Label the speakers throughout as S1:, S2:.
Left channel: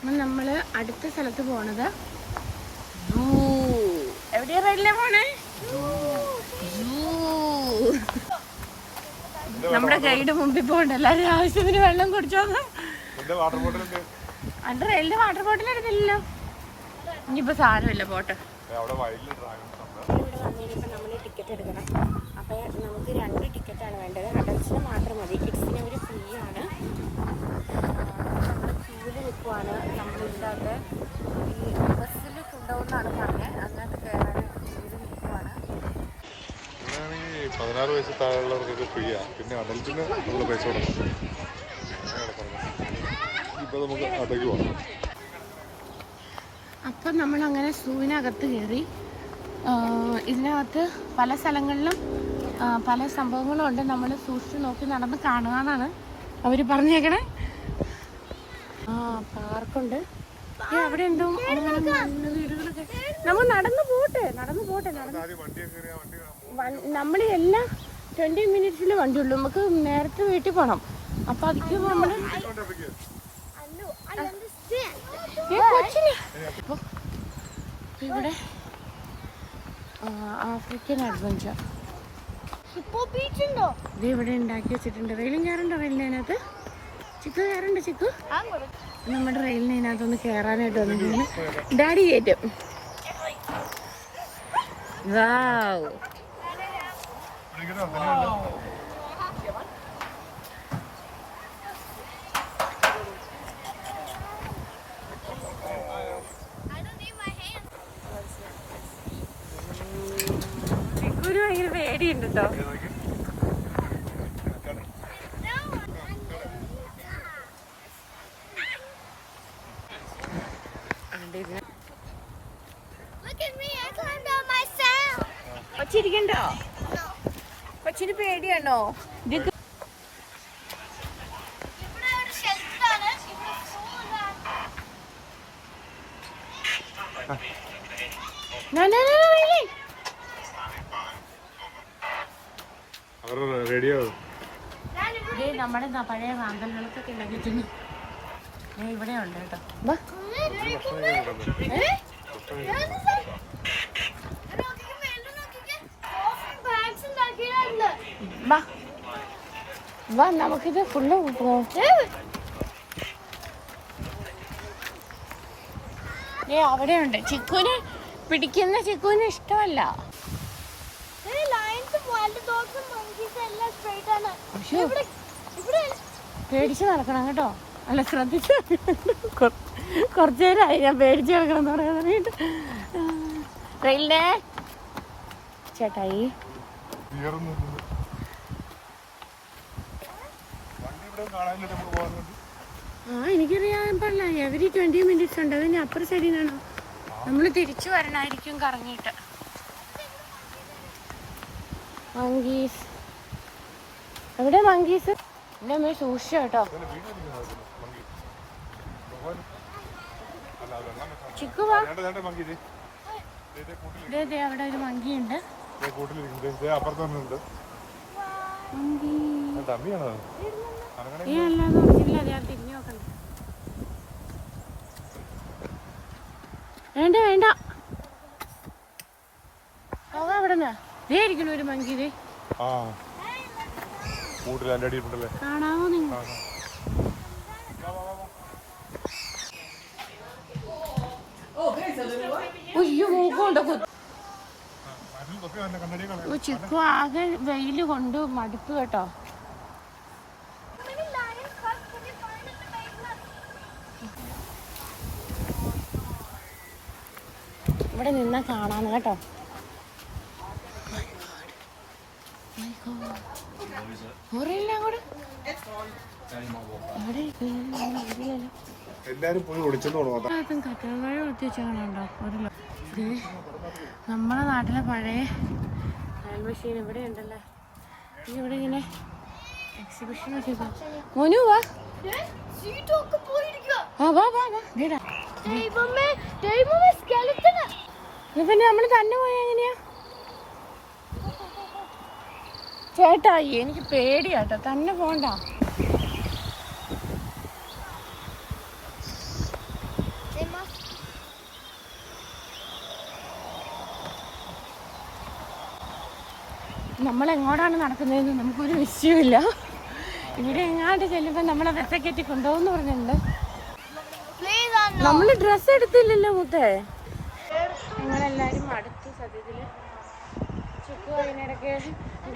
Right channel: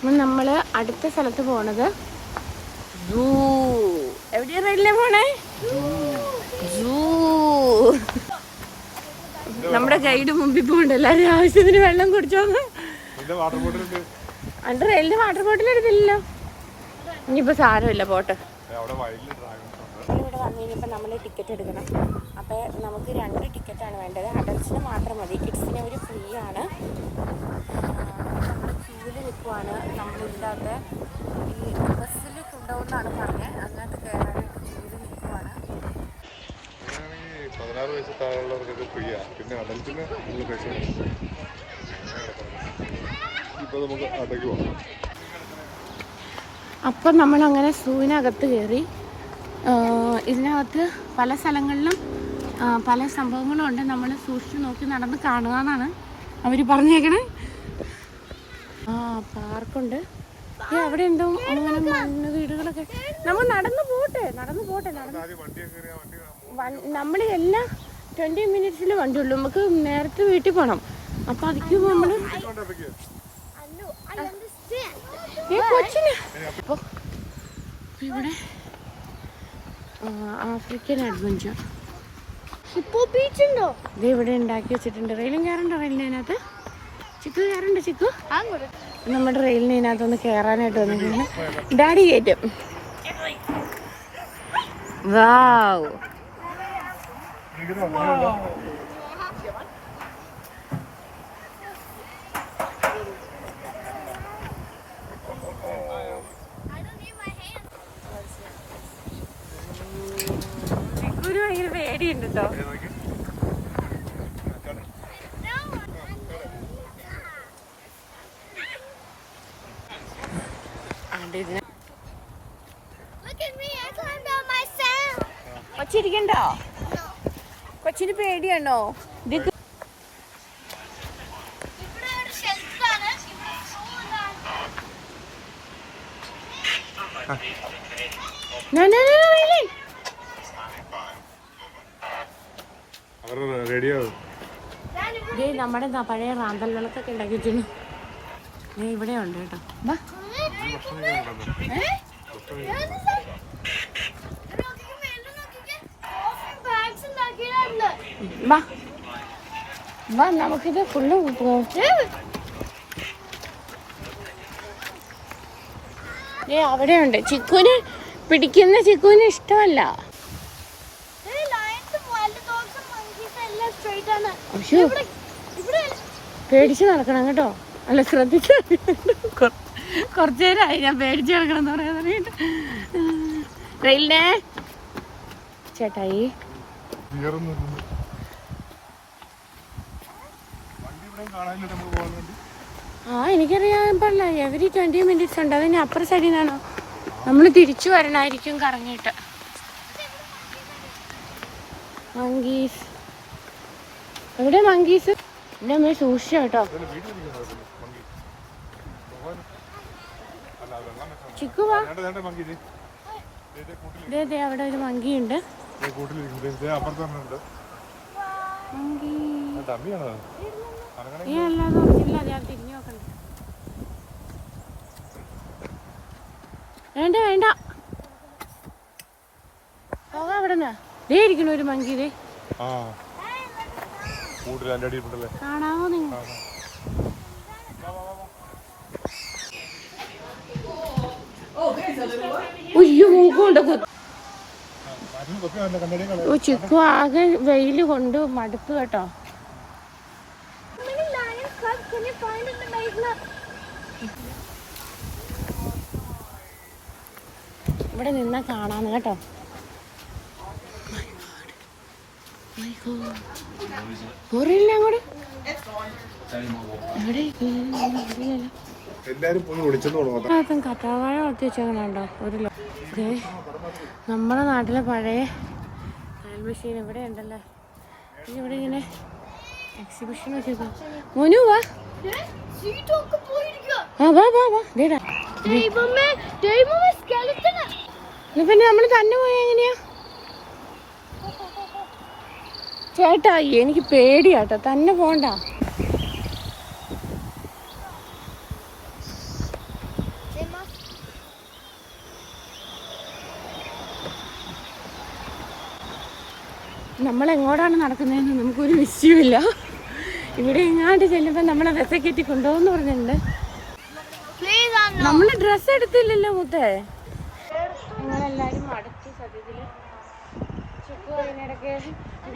S1: അപ്പം നമ്മൾ അടുത്ത സ്ഥലത്ത് പോണത് ജൂ. എവിടെയാ പോണേ? നമ്മുടെ ഗൈഡ് മുമ്പിൽ പോകണ്ട. എല്ലാവരും ആവശ്യത്തിന് വെള്ളം കുടിച്ചോന്ന്
S2: അതിന്റെ വാട്ടർ ബോട്ടിൽ
S1: എന്റെ റെയിലിന് വാട്ടർ ബോട്ടിൽ എടുത്തില്ലല്ലോ. ഇനിയിപ്പോ സാരമില്ല പോട്ടെ. നമ്മൾ ടിക്കറ്റ് എടുക്കണം. അപ്പോൾ നമുക്ക് രണ്ട് ടിക്കറ്റ് ആണ് വേണ്ടത്. അഡൽസിന് മാത്രം മതി. കിഡ്സിന് ഒരു ഫ്രീ ആണ്. ക്യൂവിൽ നമ്മളില്ലാതെ. ഈ ബസ്സിൽ കൊണ്ടുപോകുന്നതാണ് പറഞ്ഞത് അതിനകത്ത് കയറാനായിട്ട് ക്യൂവിൽ നിൽക്കുവാണ്.
S2: പതിനാറ് വയസ്സ് താഴെയുള്ളവർക്കൊക്കെ ഫ്രീയാ. പിന്നെ അഡൽറ്റിന് നമ്മൾ പൈസ കൊടുക്കണം. ഇപ്പൊ നമുക്ക് അടയ്ക്ക് പോകാം
S1: അപ്പം നമ്മൾ അങ്ങനെ സൂവിനകത്ത് കയറി ഇതിനകത്ത് പല സ്ഥലങ്ങളിലും പല സംഭവങ്ങളും ഉണ്ട് നമ്മൾ സൂക്ഷിച്ച് നോക്കി നടന്ന് കാണുക എന്നാണ് അവർ പറഞ്ഞേക്കണേ. ആ പാർക്കുണ്ട്. അവിടെ എന്തോ ഇങ്ങനെ മണ്ണ് വീടുകളൊക്കെ. നമ്മൾ നടന്നു പോട്ടെ നടന്നു പോട്ടെ നടന്നു.
S2: വണ്ടി വണ്ടി
S1: നമ്മൾ എല്ലാ ട്വന്റി മിനിറ്റ്സിൽ വണ്ടിയുള്ളൂ നമുക്ക് നേരത്തെ വീട്ടിൽ പോകണം അപ്പൊ അതിക്ക് നമ്മൾ ഈ കൊച്ചിന്. അപ്പൊ ഇവിടെ ആഫ്രിക്കൻ അഡ്വഞ്ചർ
S3: ഹിപ്പോ ബീച്ച് ഉണ്ടോ?
S1: ഇത് ഇവിടെ ഉണ്ടാക്കി വെച്ചിട്ടുണ്ട്. റെയിലും കയറണ്ടോ റെയിലിനകത്ത് ചിക്കു കയറണ്ട ചിക്കു? നമ്മുടെ റെയിലിന് ഇതിനകത്തൊന്ന് കയറാനായിട്ട് വന്നിരിക്കുകയാണ് ഡാഡി കയറ്റും. വാവ്. ഒരു ഭയങ്കര പേടിയുണ്ട് കേട്ടോ
S3: Look at me, I climbed on myself.
S1: കൊച്ചിരിക്കണ്ടോ കൊച്ചിന് പേടിയാണോ ഇത്
S3: ഇവിടെ ഒരു shelf ആണ്.
S1: No, no, no, no, Eileen.
S2: അവരുടെ പേടിയാണോ
S1: ദേ നമ്മുടെ പഴയ റാന്തൽ വിളക്കൊക്കെ ഇവിടെ ഉണ്ട്. കേട്ടോ വാ. ഏ?
S3: ഇവിടെ നോക്കിക്കേ, മേലെ നോക്കിക്കേ. ഓ, bags ഉണ്ടാക്കിയിട്ടുണ്ട്.
S1: വാ വാ നമുക്കിത് ഫുള്ള് ഏ അവിടെ ഉണ്ട് ചിക്കുന് പിടിക്കുന്ന ചിക്കുന് ഇഷ്ടമല്ല. പേടിച്ച് നടക്കണം കേട്ടോ. അല്ല ശ്രദ്ധിച്ച് കുറച്ചു നേരമായി ഞാൻ പേടിച്ച് നടക്കണം എന്ന് പറയാൻ തുടങ്ങിയിട്ട്. റെയിലിനെ ചേട്ടായി. ആ എനിക്കറിയാൻ പാടില്ല എവരി ട്വന്റി മിനിറ്റ്സ് ഉണ്ട്. അതിന് അപ്പുറ സൈഡിൽ നിന്നാണോ. നമ്മൾ തിരിച്ചു വരണായിരിക്കും കറങ്ങിയിട്ട്. മങ്കീസ്. എവിടെ മങ്കീസ്? എന്റെ അമ്മ സൂക്ഷിച്ച കേട്ടോ. ചിക്കുവാ അവിടെ ഒരു മങ്കിയുണ്ട്. മങ്കി. ഈ അല്ലാതെ ഉറങ്ങില്ല ഞാൻ തിരിഞ്ഞു നോക്കണ്ട. വേണ്ട വേണ്ട. പോകാം ഇവിടുന്ന്. ദേ ഇരിക്കണു ഒരു മങ്കി ദേ
S2: ആ കൂട്ടിൽ എന്റെ അടിയിട്ടുണ്ടല്ലേ
S1: കാണാമോ നിങ്ങൾ? ഉയ്യോ മൂക്കുണ്ട് കുത്ത് ചിക്കു ആകെ വെയിൽ കൊണ്ട് മടുപ്പ് കേട്ടോ. ഇവിടെ നിന്ന കാണാന്ന് കേട്ടോ. പോറില്ല അങ്ങോട്ട്?
S2: എല്ലാരും പോയി ഒളിച്ചെന്ന്
S1: വെച്ചേക്കണുണ്ടോ ഒരു നമ്മുടെ നാട്ടിലെ പഴയ മെഷീൻ ഇവിടെ ഉണ്ടല്ലോ. ഈ ഇവിടെ ഇങ്ങനെ എക്സിബിഷൻ മോനു വാ. ആ വാ വാ വാ. ദേ
S3: ദൈവമേ ദൈവമേ skeleton.
S1: പിന്നെ നമ്മൾ തന്നെ പോയാ എങ്ങനെയാ? ചേട്ടാ എനിക്ക് പേടിയാട്ടോ. തന്നെ പോണ്ട. നമ്മൾ എങ്ങോട്ടാണ് നടക്കുന്നതെന്ന് നമുക്കൊരു നിശ്ചയമില്ല ഇവിടെ എങ്ങാണ്ട് ചെല്ലുമ്പോൾ നമ്മളെ വിസ കെട്ടി പറഞ്ഞിട്ടുണ്ട്. നമ്മൾ ഡ്രസ്സ് എടുത്തില്ലല്ലോ മുത്തേ. ഞങ്ങളെല്ലാരും മടുത്തു സത്യത്തിൽ ചിക്കു അതിനിടയ്ക്ക്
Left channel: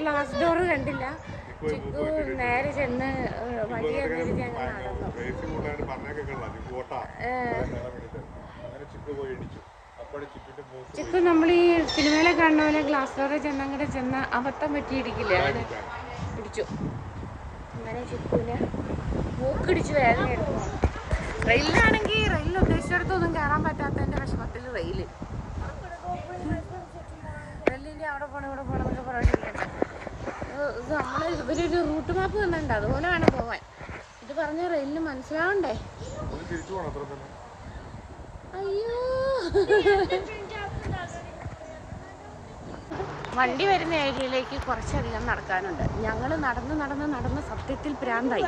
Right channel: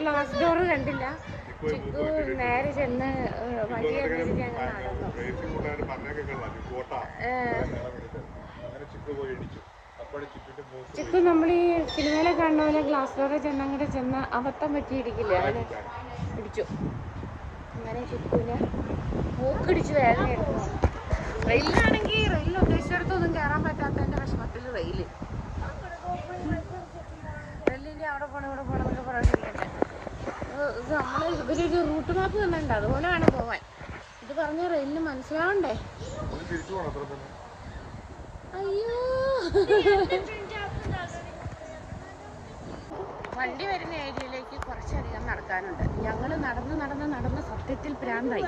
S1: ഗ്ലാസ് ഡോർ കണ്ടില്ല. ചിക്കു നേരെ ചെന്ന്
S2: ചിക്കു
S1: നമ്മൾ ഈ സിനിമയിലെ കാണുന്ന പോലെ ഗ്ലാസ് ഡോറെ ചെന്നങ്ങടെ ചെന്ന് അബദ്ധം പറ്റി ഇടിക്കില്ലേ അങ്ങനെ ഇടിച്ചു. അങ്ങനെ ചിക്കുവിന് മൂക്കിടിച്ച് വേദന എടുക്കുന്നു. റെയിലാണെങ്കിൽ റെയിൽ ഉദ്ദേശിച്ചിടത്തൊന്നും കയറാൻ പറ്റാത്തതിന്റെ വിഷമത്തിൽ റെയിൽ റെയിലിന്റെ അവിടെ പോണം ഇവിടെ പോണം എന്നൊക്കെ പറഞ്ഞിട്ടുണ്ട് ഇത് നമ്മൾ ഇവരൊരു റൂട്ട് മാപ്പ് തന്നിട്ടുണ്ട് അതുപോലെയാണ് പോവാൻ. ഇത് പറഞ്ഞ റെയിലിന് മനസ്സിലാവണ്ടേ?
S2: പോകണം
S1: അയ്യോ. വണ്ടി വരുന്ന ഏരിയയിലേക്ക് കുറച്ചധികം നടക്കാനുണ്ട്. ഞങ്ങൾ നടന്ന് നടന്ന് നടന്ന് സത്യത്തിൽ പ്രാന്തായി.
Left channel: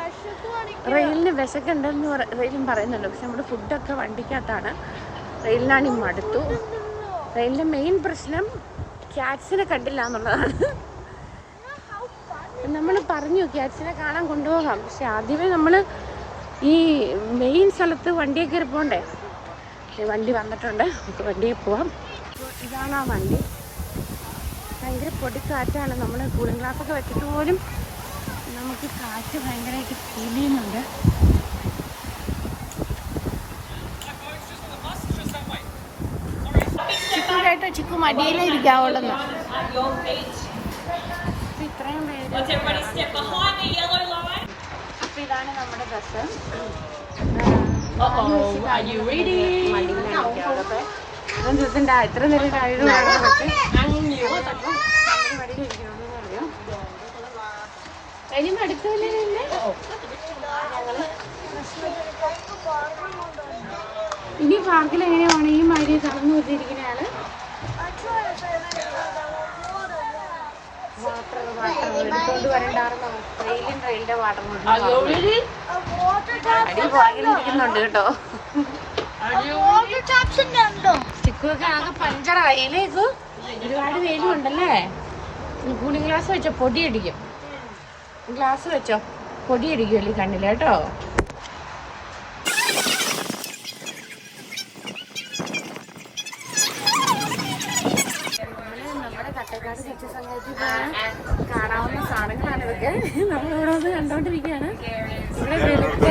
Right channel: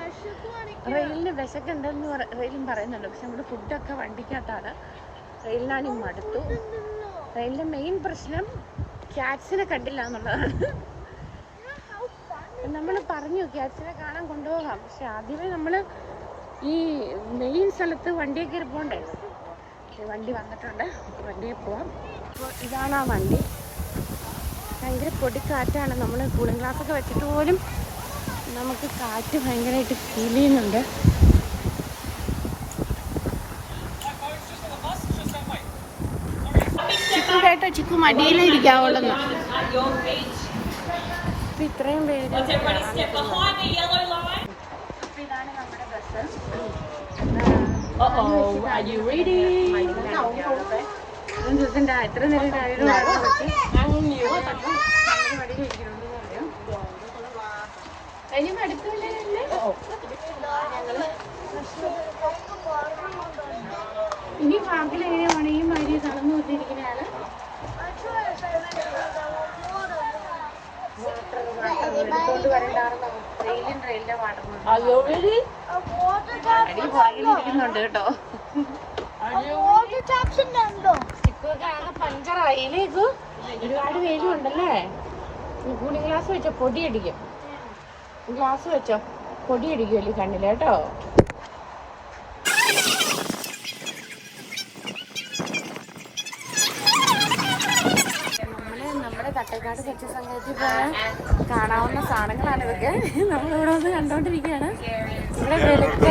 S1: റെയിലിന് വിശക്കുണ്ടെന്ന് റെയിലും പറയുന്നുണ്ട്. പക്ഷെ നമ്മുടെ ഫുഡൊക്കെ വണ്ടിക്കകത്താണ്. റെയിലിനാണ് മടുത്തു. റെയിലിന്റെ മെയിൻ പ്രശ്നം ക്യാറ്റ്സിനെ കണ്ടില്ല എന്നുള്ളതാണ്. നമ്മൾ പറഞ്ഞു ക്യാറ്റ്സിനെ കാണാൻ കൊണ്ടുപോകാം. പക്ഷെ ആദ്യമേ നമ്മൾ ഈ മെയിൻ സ്ഥലത്ത് വണ്ടിയെ കയറി പോകണ്ടേ? വണ്ടി വന്നിട്ടുണ്ട്. നമുക്ക് വണ്ടിയിൽ പോവാം. ഇതാണ് ആ വണ്ടി. ഭയങ്കര പൊടിക്കാറ്റാണ്. നമ്മൾ കൂളിംഗ് ഗ്ലാസ് ഒക്കെ വെച്ചിട്ട് പോലും നമുക്ക് കാറ്റ് ഭയങ്കരമായിട്ട് ഫീൽ ചെയ്യുന്നുണ്ട്. കേട്ടോ ചിക്കു മടിയിലിരിക്കാവുള്ളത് ഇത്രയും പേര് അപ്പൊ ഇതാണ് നമ്മുടെ ഡ്രസ്സ് ദിവസം ഇത്ര നേരം ഇനിയും അടുത്തല്ലേ ഇനി പാർക്കിൽ എങ്ങനെയാണ് ഈ മഴ കടന്നു കൊണ്ടിരിക്കുന്നതാണ് കേട്ടോ ഒരുപാട് പേരും ഉണ്ടല്ലേ കൂളിംഗ് ഗ്ലാസ് വെച്ചോ പൊടി അടിക്കും. ഗ്ലാസ് വെച്ചോ പൊടി അടിക്കുമല്ലേ കണ്ണിൽ കേട്ടോ നമ്മൾ കാണാവുന്ന സാധനങ്ങളാണ് ഇതൊക്കെ. നമ്മളിവിടെ വന്ന് കണ്ടോണ്ടിരിക്കുകയാണ്. ഇവിടെ വെളുത്ത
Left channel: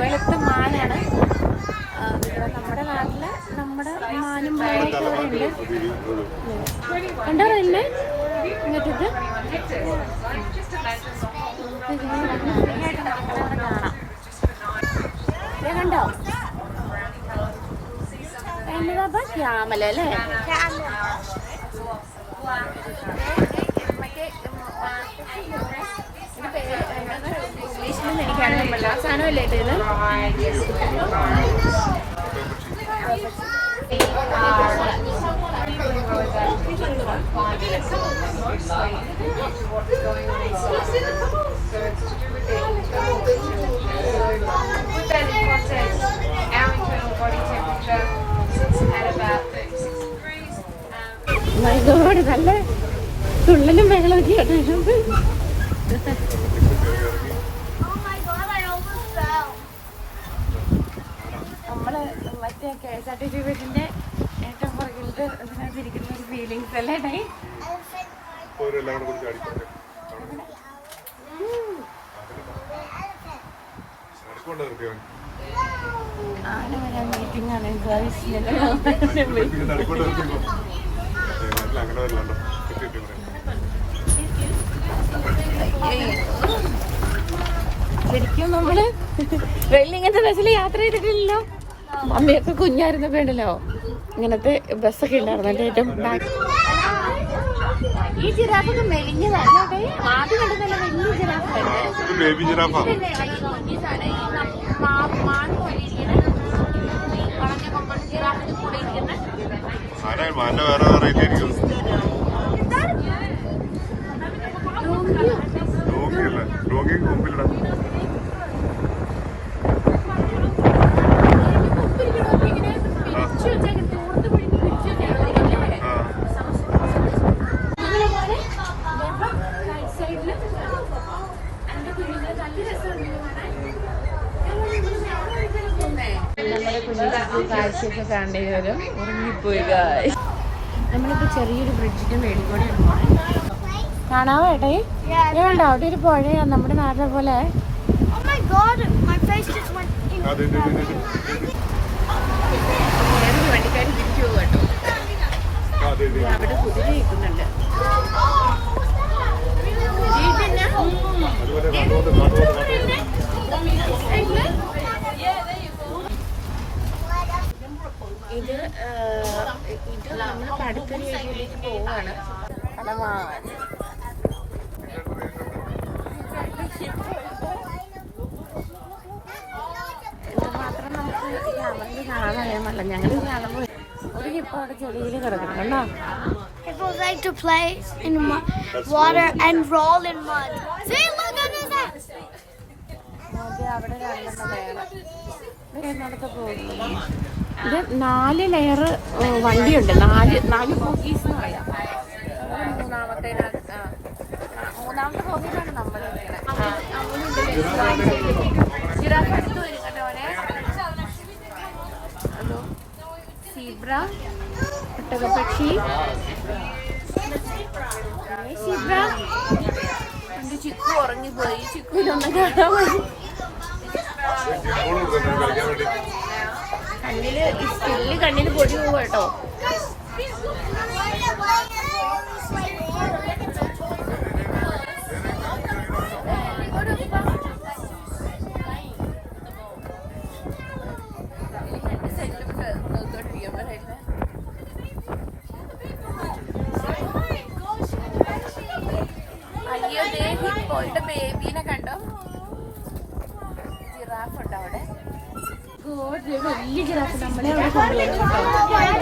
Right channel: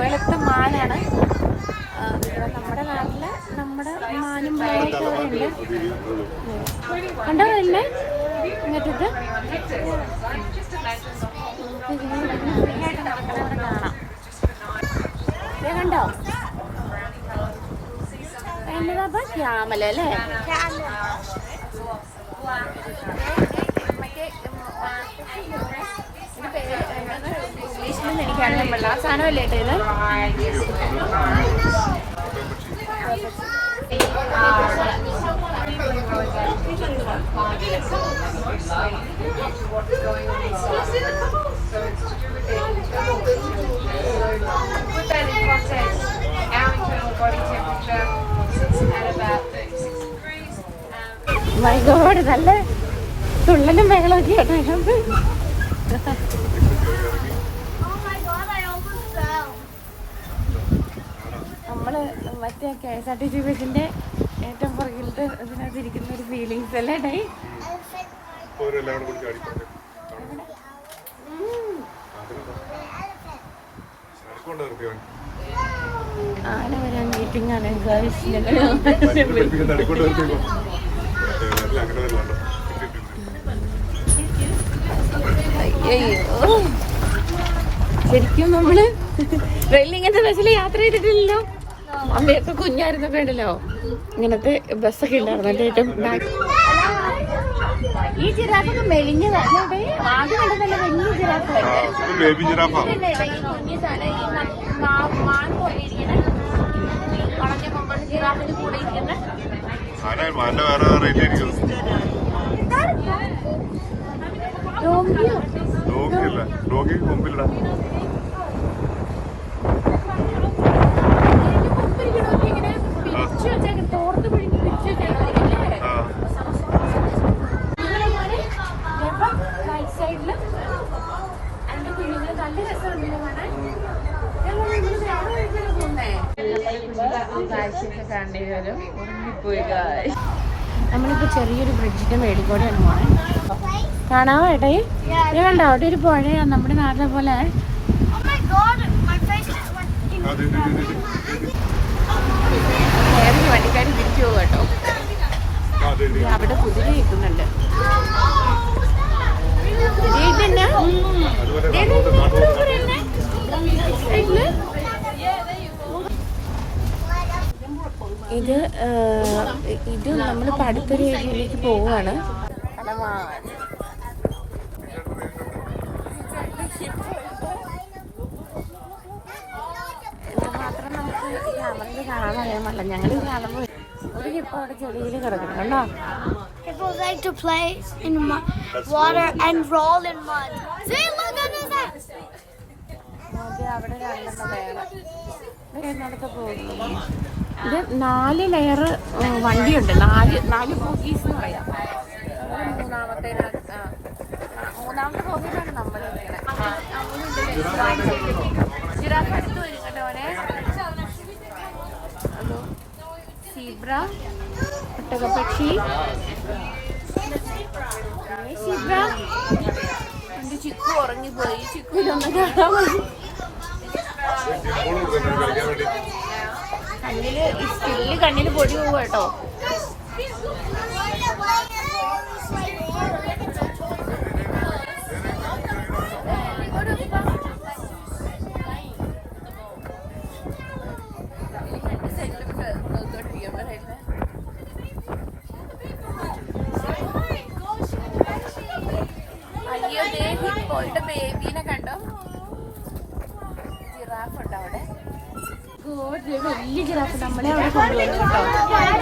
S1: വെളുത്ത മാനാണ് നമ്മുടെ നാട്ടിൽ നമ്മുടെ മാനും ഇവിടെ കണ്ടോ കണ്ടോ? എന്നതാ ക്യാമല അല്ലേ? ഇംഗ്ലീഷിലൊന്നും എനിക്കറിയാൻ പറ്റില്ല ആ സാധനമല്ലേ ഇട്ടേന്ന്
S4: Put that in context, our internal body temperature is at about 36 degrees. Um,
S1: my god നല്ല തുള്ളലും ബഹളമൊക്കെ ആയിട്ട്. നമ്മൾ മറ്റേ K S R T C ബസിന്റെ ഏറ്റവും പുറകിലത്തെ അതിനകത്ത് ഇരിക്കുന്ന ഒരു ഫീലിങ്സ് അല്ലേ ഡേ ആന വരാൻ മീറ്റിംഗ് ആണ് ഗേൾസ് ശരിക്കും നമ്മൾ വെല്ലിങ്ങനത്തെ ഇങ്ങനത്തെ ബസ്സിൽ യാത്ര ചെയ്തിട്ടില്ലല്ലോ? അമ്മയൊക്കെ കുഞ്ഞായിരുന്നപ്പോ ഉണ്ടല്ലോ. ഇങ്ങനത്തെ ബസ്സൊക്കെ ഉണ്ടായിരുന്നു. എന്റെ ഏറ്റവും ബാക്ക് ഈ ജിറാഫിന്
S2: മെലിഞ്ഞ ബേബി ജിറാഫാ ആരാ മാന്റെ വേറെ റേറ്റ് ആയിരിക്കും ഡോഗി അല്ലേ ഡോഗി മുമ്പിലിടാ ആ
S1: നമുക്ക് കാഴ്ചയൊക്കെ കാണേണ്ടി വരും ഉറങ്ങിപ്പോയി പോണേ. കാണാമോ ഏട്ടായി നീ കണ്ടോ? അവിടെ ഒരു പുഴയാ നമ്മുടെ നാട്ടിലെ പോലെ.
S3: അവിടെ my god, my face just went in.
S2: അത് ഇത് ഇത് ഇത് ഇത്.
S1: പഠിക്കാൻ തിരിച്ചു പോകും കേട്ടോ ഇത് അവിടെ കുതിര കിട്ടുന്നുണ്ട് ഇതെന്നാ? ഏതാ ഇത്? ഇവിടെ കുതിരയുണ്ട്? സൈഡിൽ? ഇത് ഇത് നമ്മൾ അടുത്തൊരു ഏരിയയിലേക്ക് പോവുകയാണ് കടമാൻ മാത്രം നമുക്ക് ക്യാമറയിൽ കാണാൻ ഞങ്ങൾ കാണുമ്പോൾ ഒരു ഹിപ്പോ അവിടെ ചെളിയിൽ കിടക്കണം കണ്ടോ
S3: People like to play in water and roll in mud. See, look at this.
S1: അത് അവിടെ രണ്ടെണ്ണം വേറെ. വേറെടുത്ത് പോകുന്നു ഇത് നാല് ലെയർ വണ്ടിയുണ്ട്. നാല് നാല് ബോഗീസ് എന്ന് പറയാം. മൂന്നാമത്തെ മൂന്നാമത്തെ ബോഗീസാണ് നമ്മൾ ജിറാഫ് അടുത്ത് വരും സീബ്ര ഒട്ടകപക്ഷി സീബ്ര. എന്റെ ചിക്കു ഉറങ്ങിപ്പോയി. ചിക്കുലൊന്നും സ്റ്റില്ല് കണ്ണിന് പൊടി പോവുക കേട്ടോ. ബേബീനെ കണ്ടോ വലിയ ജിറാഫ് നമ്മളെ അവിടെ കൊണ്ടുവന്നു കേട്ടോ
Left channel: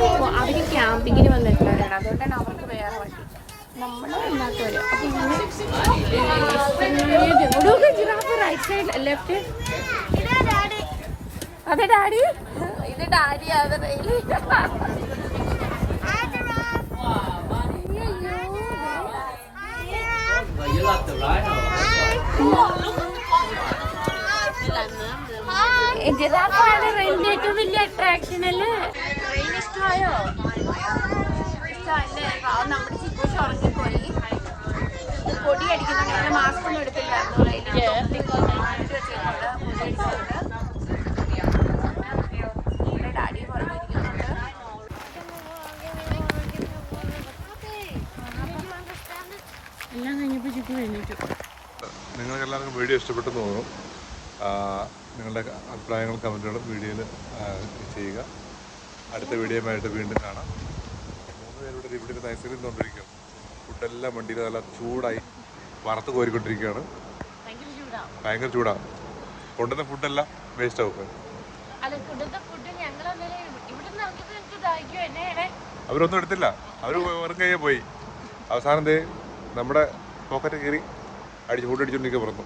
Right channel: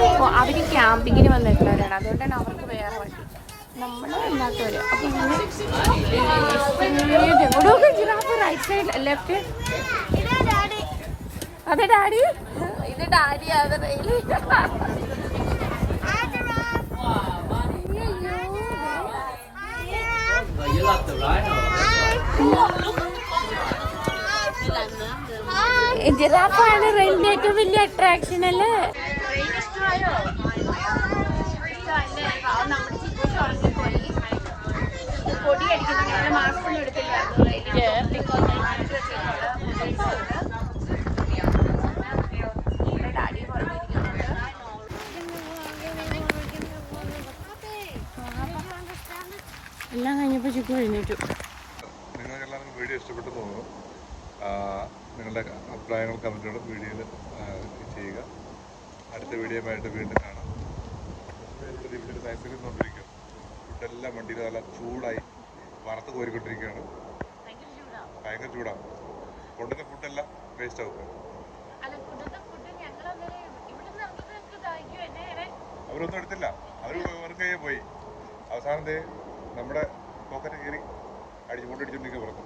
S1: അപ്പൊ അവർ ക്യാമ്പിങ്ങിന് വന്നിട്ടുള്ളവരാണ്. അതുകൊണ്ടാണ് അവർക്ക് വേറെ വണ്ടി. നമ്മൾ ഇല്ലാത്തവര് അപ്പൊ ഇങ്ങനെ ജിറാഫ്? റൈറ്റ് സൈഡ് ലെഫ്റ്റ് അതെ ഡാഡി. ഇത് ഡാഡി അത്
S5: റെയിൽ.
S1: ജിറാഫാണ് റെയിലിന്റെ ഏറ്റവും വലിയ അട്രാക്ഷൻ അല്ലേ? ഇഷ്ടമായോ? ഇഷ്ടമല്ലേ? നമ്മുടെ
S2: അടുത്ത വീഡിയോയുമായിട്ട് വീണ്ടും കാണാം. മൂന്ന് പേരുടെ ഇവിടെ ഐസ്ക്രീം തോന്നിരിക്കും ഫുഡെല്ലാം വണ്ടിയിൽ നല്ല ചൂടായി വറുത്ത് കോരിക്കൊണ്ടിരിക്കുകയാണ്.
S1: ഭയങ്കര
S2: ചൂടാണ് കൊണ്ടുവന്ന ഫുഡെല്ലാം വേസ്റ്റ് ആവും. അവരൊന്നും എടുത്തില്ല. അവർ വെറും കയ്യെ പോയി. അവസാനം നമ്മുടെ പോക്കറ്റ് കയറി അടിച്ച് ഫുഡ് അടിച്ചുകൊണ്ടിരിക്കുക പുറത്തു.